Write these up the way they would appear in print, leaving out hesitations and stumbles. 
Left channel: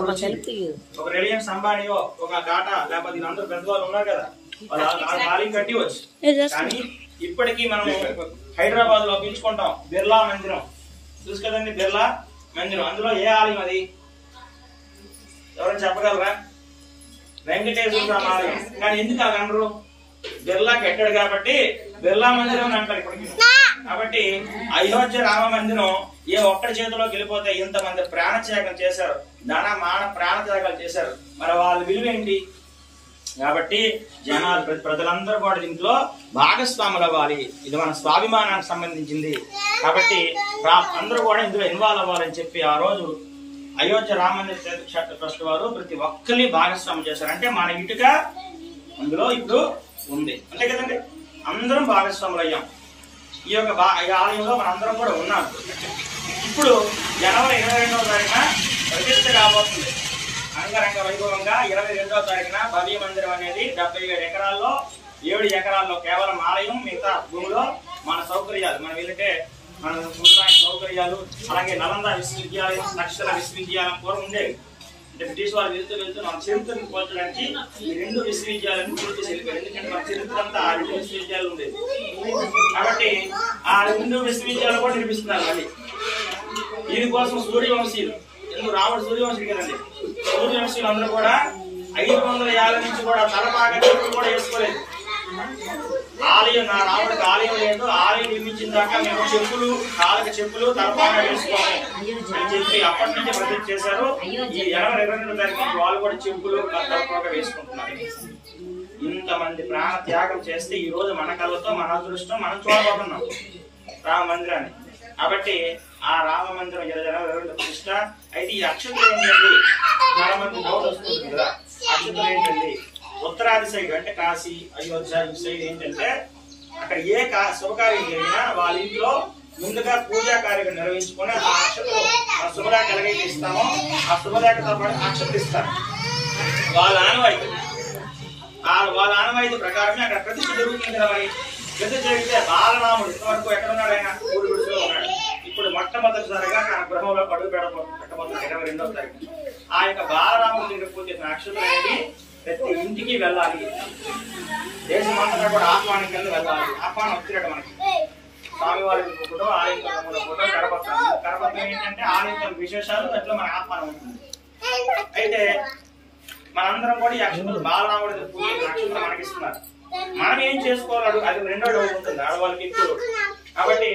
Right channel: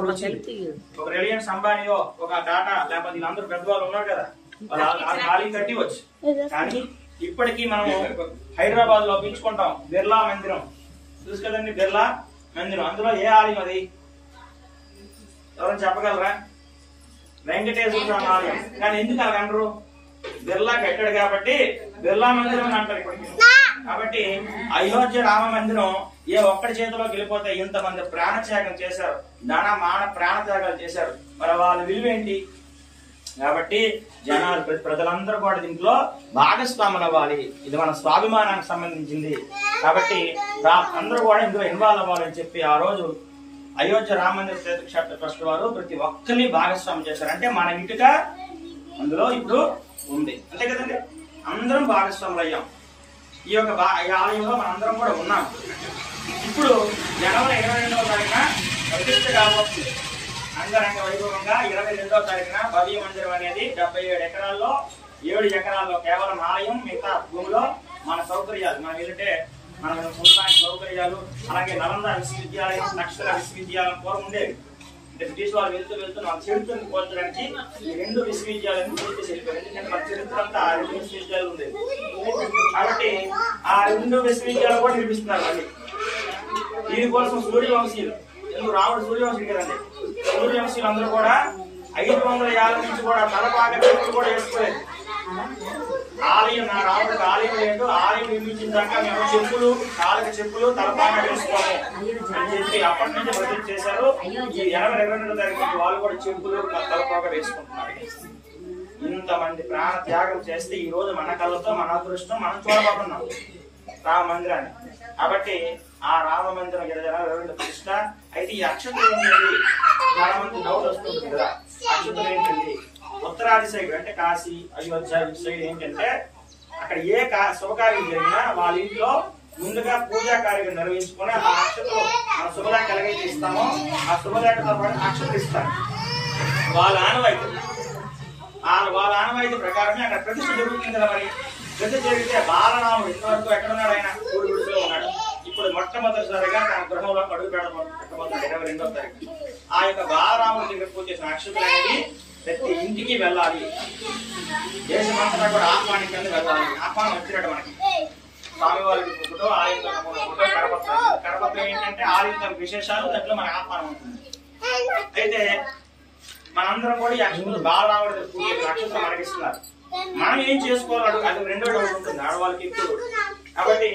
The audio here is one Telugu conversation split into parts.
ఒక రిలయన్స్ అంబానీయో ఒక టాటా లేకపోతే వీళ్ళందరూ పెద్దవాళ్ళు ఉన్నారు కదా, వాళ్ళు ఖాళీ కట్టి వచ్చు. కానీ ఇప్పటికీ మనం హైదరాబాద్ లో పిలుచుకుంటాం బిర్లా మందిరం, చూసు కదండి బిర్లా మందిరం. అందులో ఏ ఆలయం అది ఎవరైనా చెప్పగలరా? వెంకటేశ్వర స్వామి ఆలయం. కానీ ఎందుకు అలా అనరు? బిర్లా కట్టాడు కాబట్టి బిర్లా మందిరం అని అంటారు ఇప్పటికి. కాబట్టి అయోధ్య రామ మందిరం ఏ ఒక్కడి చేతిలోకి వెళ్ళిపోతే ఇంతమంది ప్రాణత్యాగం చేశారు, మాన ప్రాణత్యాగాలు చేశారు, మరి వాళ్ళ విలువ ఏంటి? కాబట్టి జనాలు ప్రజలందరూ కూడా దీంట్లో భాగస్వాములు అవ్వాలి. ఇది మన స్వాభిమానానికి సంబంధించింది. కాబట్టి అందరూ కూడా ఇందులో ఇన్వాల్వ్ అవ్వాలని చెప్పి ఆ రోజు అయోధ్య రామ మందిర క్షేత్ర ట్రస్ట్ వారు ప్రతి ఒక్కరిని భాగస్వామ్యం చేశారు. అంటే మన ఇటుక అందులో ఇప్పుడు ఉంది అంతే కదండి, అందరం భాగస్వాములు అయ్యాం. ఈ యొక్క ఆలయంలో మనందరం కూడా ఉన్నాం. ఇప్పుడు జనవరి 22వ తారీఖున ప్రతిష్ఠ కాబోతుంది అంగరంగ వైభవంగా. 22వ తారీఖున భవ్య మందిరం అనేది 77 ఎకరాల్లో 7 ఎకరాల్లో కేవలం ఆలయం, మిగతా భూమిలో మన సౌకర్యాలు మన వీళ్ళకే మన సౌకర్యాలు. అలాగే నలంద విశ్వవిద్యాలయం, నక్షత్ర విశ్వవిద్యాలయం పూర్వం ఉండేవి. అంటే బ్రిటిష్ వాళ్ళు వెళ్తూ మన చరిత్రను పోల్చడానికి ఈ 2 విశ్వవిద్యాలయాలను పూర్తి వెళ్ళిపోయారు. ఎందుకంటే మన చరిత్ర అంతా ఆ 2 విశ్వవిద్యాలయాలు ఉండేది. కాబట్టి ఆ 2 విశ్వవిద్యాలయాలు కూడా నిర్మిస్తున్నారు. మళ్ళీ దీనికోసం సూర్యవంశీయులు, ఎందుకు రాముడు సూర్యవంశీయుడు కదండి, సూర్యవంశీయులు అందరూ కూడా 550 నుంచి కూడా తలపాక చెప్పులు కూడా వేసుకోలేదు. ఆలయం నా రాముడికి ఆలయం లేదు, ఆలయం నిర్మించిన దాకా మేము చెప్పులు, కాళ్ళకి చెప్పులు, తలపాక వేసుకోము అని చెప్పి అప్పటి నుంచి ప్రతిజ్ఞ చేశారు. ఈ జనవరి 22వ తారీఖు నుంచి వాళ్ళు కూడా చెప్పులు, తలపాక వేసుకుంటున్నారు. ఇంతమంది ప్రాణ త్యాగం చేస్తే ఈ రోజు మన కళ్ళతో మన అదృష్టం మనం చూడబోతున్నాం రామ మందిరాన్ని. కాబట్టి ఆ రామ మందిరం జనవరి 22 ప్రతిష్ట. అయితే ఈ అక్షతలు ఏంటండి? చాలా మంది డౌట్ వస్తుంది కదా, అక్షతలు ఏంటండి? ఉత్తరాది సైడ్ అంటే కాశీ, అయోధ్య ఈ సైడ్ ఏంటంటే అక్కడ ఏ శుభకార్యం జరిగినా వాళ్ళ ఇంట్లో ముందుగా పూజా కార్యక్రమం నిర్వహించుకొని ఆ అక్షతలు మన శుభదాక ఎలాగైతే ఇస్తామో ఆ శుభదాకతో పాటు అక్షతలు ఇస్తారు. వాళ్ళ ఆనవాయితీ ప్రకారమే అక్కడ ప్రతిష్ఠ జరుగుతుంది కదా. మరి ప్రతిష్ఠ జరిగితే బాలరాముడు ఇంతవరకు ఎక్కడున్నాడు? ఆయన గుడిలో ఉన్నాడు. ఇప్పుడు మొట్టమొదటిసారిగా తన గృహంలో అడుగు పెట్టబోతున్నాడు 22వ తారీఖు. ఆ యొక్క బాలరాముడి దగ్గర పూజ చేసిన అక్షతలు అనేది ప్రతి ఇంటికి వెళ్ళాలి. దేశమంతటా కూడా ఆహ్వానం కింద వెళ్ళాలి. ఆహ్వానం వచ్చినట్టు మనకి స్వామివారికి ఫోటో, ఆలయం ఫోటో, కరపత్రం ఏంటంటే ఆలయం విశేషాలు, దాంట్లో మనకు ఆహ్వానం ఉంటుంది. అయితే మనందరం కూడా ఈ అక్షతలు బాలరాముడి పూజ చేసిన అక్షతలు మనకిస్తున్నారు. మనం ఏం చేసుకోవాలి? అది 2వ డౌట్ ఉంటుంది ఆడవాళ్ళకి ఇప్పుడు. కాబట్టి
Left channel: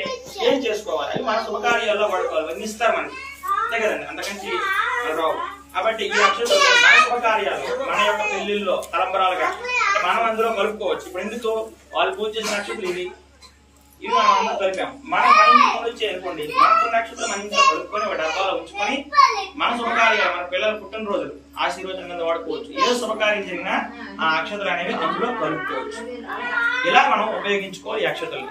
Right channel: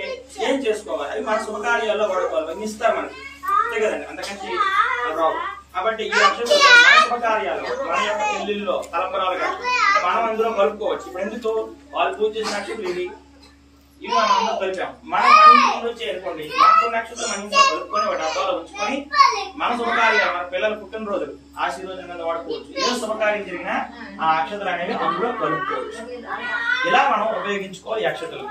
ఏం చేసుకోవాలి? అది మన శుభకార్యాల్లో వాడుకోవాలి. అవన్నీ ఇస్తారు మనకి అంతే కదండి, అంతకంచి రావు. కాబట్టి ఈ అక్షతలు మన శుభకార్యాలు, మన యొక్క పెళ్లిల్లో తలంబరాలుగా మనం అందులో కలుపుకోవచ్చు. ఇప్పుడు ఎందుకు వాళ్ళు పూజ చేసిన అక్షతలు ఇవి మనం అందరూ కలిపాం. మనం ఇంట్లో వచ్చి అనుకోండి, మనకు నక్షత్రం మన ఇంట్లో కలుపుకొని ఒక డబ్బాలో ఉంచుకొని మన శుభకార్యాలు, మన పిల్లల పుట్టినరోజులు ఆశీర్వచనం మీద వాడుకోవచ్చు. ఏ శుభకార్యం జరిగినా ఆ అక్షతలు అనేవి అందులో కలుపుకోవచ్చు. ఇలా మనం ఉపయోగించుకోవాలి ఈ అక్షతలు.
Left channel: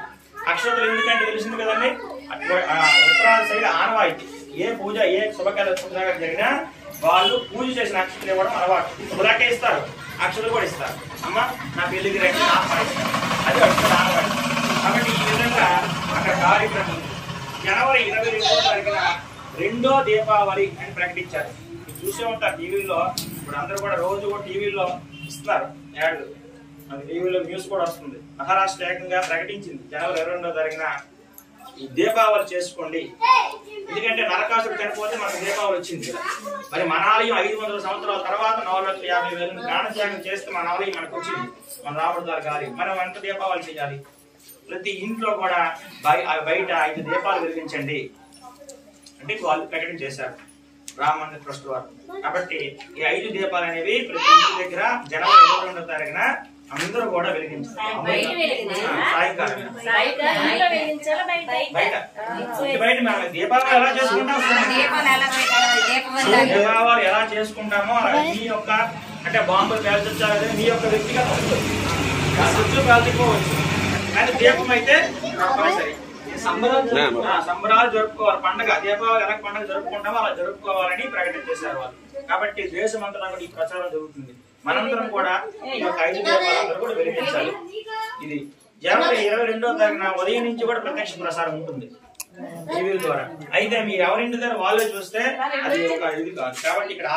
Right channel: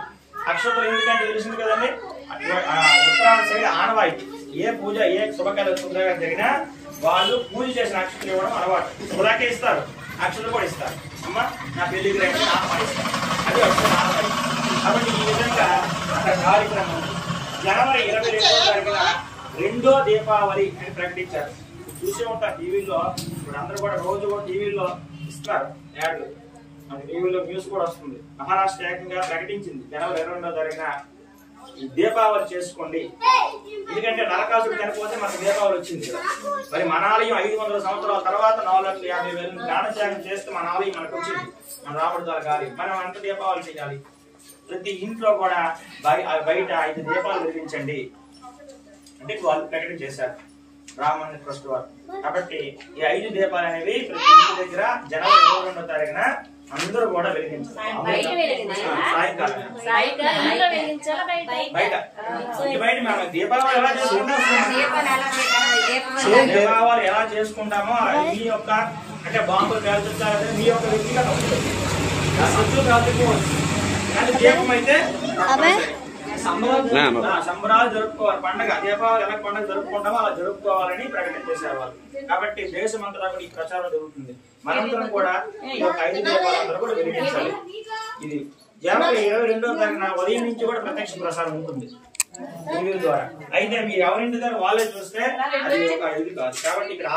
అక్షతలు ఎందుకంటే తెలిసింది కదండి, ఉత్తరాది సైడ్ ఆనవాయితీ. ఏ పూజ, ఏ శుభకార్యం జరిగినా వాళ్ళు పూజ చేసిన అక్షతలు ఇవ్వడం అలవాటు. శుభ్రాకే ఇస్తారు, అక్షతలు కూడా ఇస్తారు. అమ్మ నా పెళ్లికి రండి ఆహ్వానిస్తారు, అది వస్తుంది ఆనవాయితీ. కాబట్టి ఈ విధంగా అక్కడ కార్యక్రమం జనవరి 22వ తారీఖున 2వ దీపావళి అని ప్రకటించారు. చూసే ఉంటారు టీవీల్లో. ఇప్పుడు అందరూ కూడా రోజు కూడా టీవీల్లో ఇస్తున్నారు యాడ్లు, మనకి టీవీలో న్యూస్ కూడా వస్తుంది. మహారాష్ట్ర ఏకంగా ప్రకటించింది జనవరి 22వ తారీఖున ఈ దీపావళి చేసుకోండి. ఎందుకంటే నరకాసుడు చనిపోతే మనకు దీపావళి వచ్చింది కదా. మరి మన ఆలయం 500 సంవత్సరాల తర్వాత 4,50,000 ప్రాణత్యాగం చేస్తే మన ఆలయం మనకు వచ్చింది, మన రాముడి ద్వారా ఆలయం. మనం ఎంత దీపావళి చేయాలి? ప్రతి ఇంట్లో కూడా బయట 5 దీపాలు వెలిగించండి అంటే వాళ్ళు ప్రకటన చేశారు రామ మందిర ట్రస్ట్ వారు. కాబట్టి ఈ 5 దీపాలు అనేవి ప్రతి ఇంటి దగ్గర జనవరి 22వ తారీఖున అందరూ కూడా వెలిగించారు. బయట మేము దీపావళి ఎలా చేసుకుంటామో మీ యొక్క అంటే బాంబులు పేల్చాలి, మీ యొక్క వ్యక్తిగత శత్రువు పేల్చుకోవచ్చు. కానీ దీపం అయితే సంబరాలు జరుపుకోవాలి. పండుగ దీపావళి ఎలా పండుగ జరుపుకుంటామో అలా జరుపుకోవాలని ప్రకటన చేశారు వాళ్ళు. కాబట్టి దేశమంతటా ఈ ప్రచారం జరుగుతుంది. మనందరం కూడా ఈ యొక్క 5 దీపాలందరూ కూడా వెలిగించాలి. ఇది జనవరి 22వ తారీఖున ఉదయం నుంచి కూడా ప్రత్యక్ష ప్రసారం ఉంటుంది. టీవీ ద్వారా. అయితే మీరు ఎవరింటి దగ్గర వాళ్ళే చూస్తే అది ఒక ఇది కాదు. కాబట్టి ఇక్కడ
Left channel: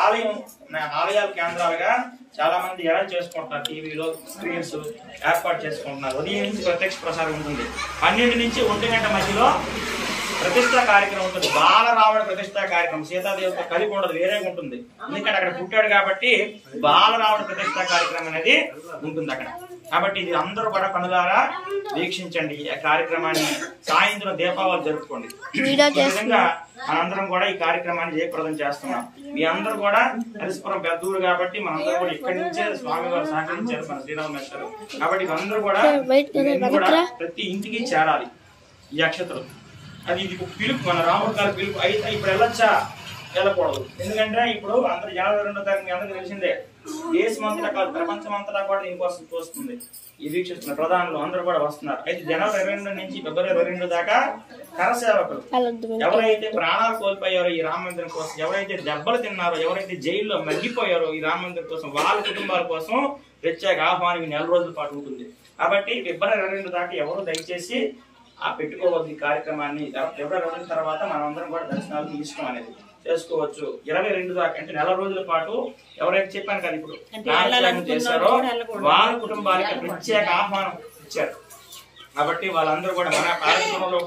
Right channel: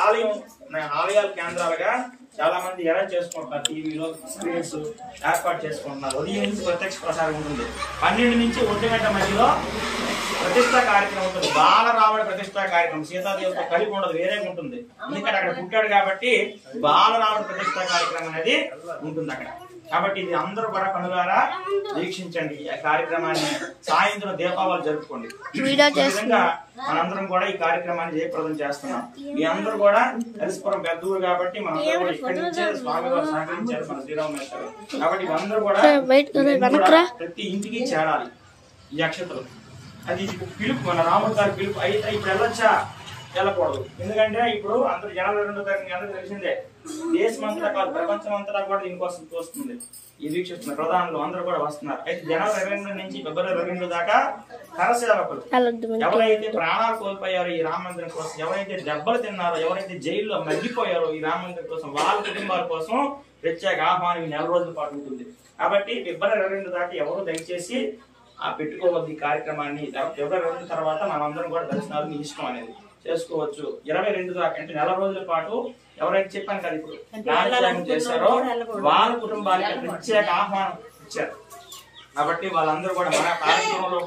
ఆలయాల కేంద్రాలుగా చాలా మంది ఎలా చేసుకుంటున్నారు, టీవీలో స్క్రీన్స్ ఏర్పాటు చేసుకుంటున్నారు. ఉదయం నుంచి ప్రత్యక్ష ప్రసారం ఉంటుంది, 12 నుంచి 1 గంట మధ్యలో ప్రతిష్టా కార్యక్రమం ఉంటుంది. బాలరాముడి ప్రతిష్టా కార్యక్రమం సీతాదేవితో కలిపి ఉండదు, వేరేగా ఉంటుంది. ఎందుకంటే అక్కడ పుట్టాడు కాబట్టి బాలరాముడి ప్రతిష్టా కార్యక్రమం అనేది ఉంటుంది అక్కడ. కాబట్టి ఇది అందరూ కూడా కనులారా వీక్షించండి. ఈ కార్యక్రమాన్ని సాయంత్రం దీపావళి జరుపుకోండి. విధంగా మనందరం కూడా ఈ కార్యక్రమాన్ని జయప్రదం చేస్తున్నాం. మీ అందరూ కూడా హరిస్పురం పెద్దూరు కాబట్టి మనందరూ కూడా ఇక్కడి నుంచే స్వామి వారు సహకరించారు, మన శ్రీరామేశ్వరు. కాబట్టి అందరూ కూడా ప్రతి ఇంటికి చేరాలి ఈ అక్షతలు. అది పిలుపు, మన రాముడి గారి పిలుపు. అయితే ఇప్పుడు వెళ్ళొచ్చా? వెళ్ళకూడదు. ఎందుకంటే ఇప్పుడు అందరు జనవరి 2వ తారీఖు మీ అందరికీ తెలిసిందే. దేశమంతటా కాదు, ప్రపంచమంతటా కూడా దీనికోసం చూస్తుంది, ఈ వీక్షిస్తున్న ప్రధానులు అందరూ కూడా వస్తున్నారు. అయితే జనవరి 22 నుంచి ఫిబ్రవరి 22 దాకా కరసేవకులు ఎవరైతే ప్రాణాలు కోల్పోయారో ఈ రామ మందిరం కోసం, ఎవరైతే దెబ్బలు తిన్నారో, ఎవరైతే జైల్లో మగ్గిపోయారో ఈ రామ మందిరం కోసం, వాళ్ళ కుటుంబాల కోసం ప్రత్యేక ఆహ్వానం 4 రోజుల పాటు ఉంటుంది. కాబట్టి ఫిబ్రవరి 22 దాకా ఎవరు దయచేసి పెట్టుకోవద్దు ఈ కార్యక్రమాన్ని. ఫిబ్రవరి 2 తర్వాత మనమందరం కూడా దర్శనాలు మీ ఇష్టం అనేది చేసుకోవచ్చు. 22 దాకా అంటే 4 రోజుల పాటు ఎవరైతే చెప్పాను కదా ఇప్పుడు త్యాగం చేశారో వాళ్ళ కుటుంబాలకి ప్రత్యేక ఆహ్వానం ఇచ్చారు. కాబట్టి వాళ్ళందరూ కూడా మన కార్యక్రమంలో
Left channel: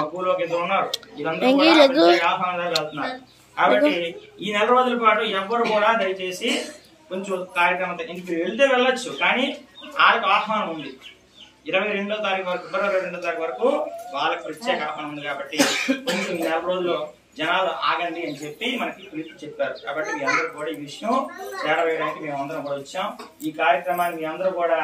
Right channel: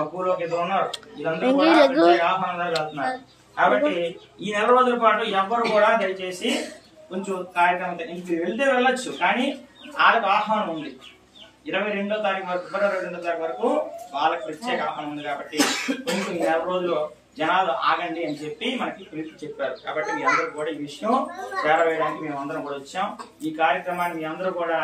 మక్కువలోకి ఎదురు ఉన్నారు. వీళ్ళందరూ ఆహ్వానం జరుగుతున్నారు. కాబట్టి ఈ 4 రోజుల పాటు ఎవరు కూడా దయచేసి కొంచెం కార్యక్రమం ఇంటికి వెళ్తే వెళ్ళొచ్చు, కానీ వాళ్ళకి ఆహ్వానం ఉంది. 22వ తారీఖు వరకు, ఫిబ్రవరి 2వ తారీఖు వరకు వాళ్ళకి ప్రత్యేక ఆహ్వానం ఉంది. కాబట్టి కొంచెం 4 రోజులు జనాలు ఆగండి అని చెప్పి మనకి పిలుపు చెప్పారు. కాబట్టి మీ అందరూ కూడా ఈ విషయం చేరవేయడానికి మేము అందరం కూడా వచ్చాం. ఈ కార్యక్రమాన్ని మీ అందరూ కూడా